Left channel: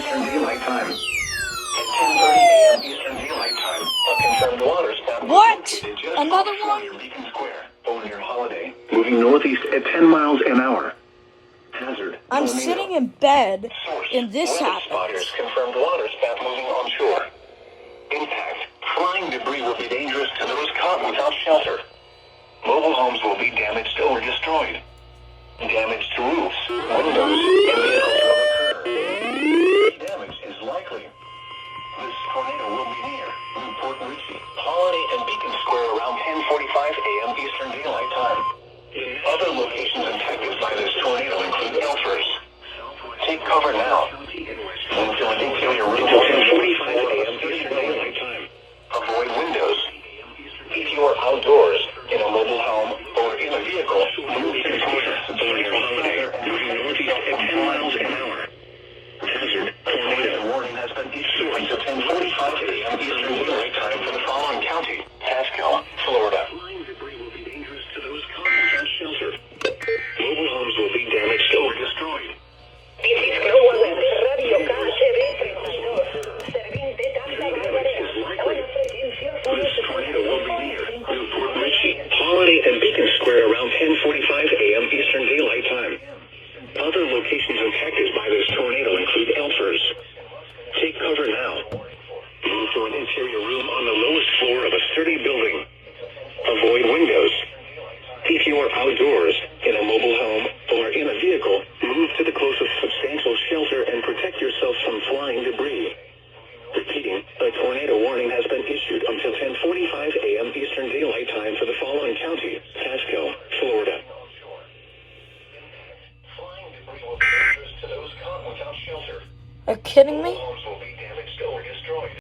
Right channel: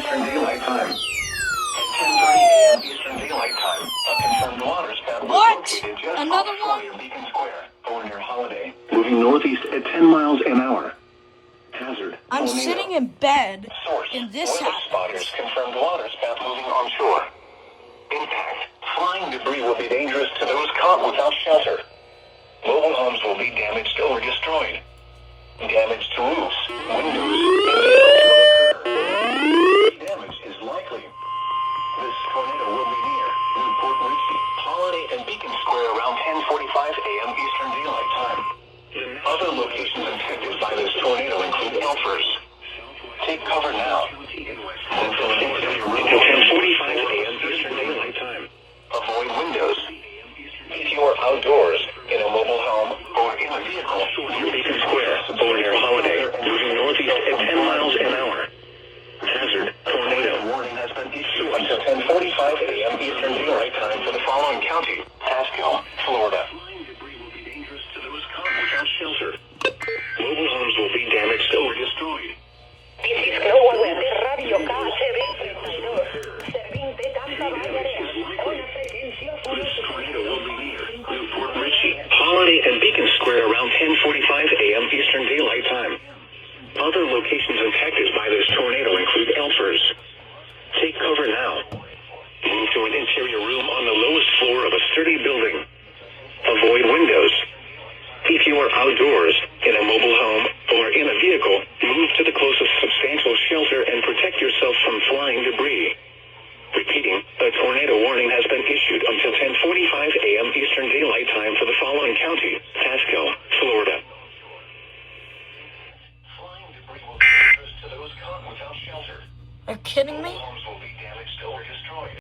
Eastern Daylight Time. 10:30 a.m. Eastern Daylight Time. A confirmed water spout was What? located just Another offshore one? near Beacon Square over near Holiday. Moving northeast at 10 miles an hour. Hazard. I'm tornado. sitting in bed, Source. and this Weather happens. spotters confirmed water spout moving onshore. Impact. Flying debris will be dangerous to those caught without shelter. Mobile homes will be damaged or destroyed. Damage to roofs, windows, and vehicles will occur. Damage is likely. This tornado will be near Newport Richie, Holiday, and Beacon Square around 10:45 a.m. Eastern Daylight Time. Other locations affected by this tornado include Elfers. Take cover now. Move to an interior room until 10:45 a.m. Eastern Daylight Time. Avoid windows. If you are outdoors, in a mobile home, or in a vehicle, near Beacon Square, or near Holiday, moving northeast at 10 miles an hour. Hazard, tornado warning has been issued until 10:45 a.m. Eastern Daylight Time for the following county: Pasco, Florida. Mobile homes will be damaged or destroyed. Radio KHB. This tornado will be near Newport Richie, Holiday, and Beacon Square around 10:45 a.m. Eastern Daylight Time. Other locations affected by this tornado include Elfers. Take cover now. Move to an interior room on the lowest floor of a sturdy building. Avoid windows. If you are outdoors, in a mobile home, or in a vehicle, move to the closest substantial shelter and protect yourself from flying debris. Repeating, a tornado warning has been issued until 10:45 a.m. Eastern Daylight Time for the following county: Pasco, Florida. Flying debris will be dangerous to those caught without shelter. Are you kidding me? Homes will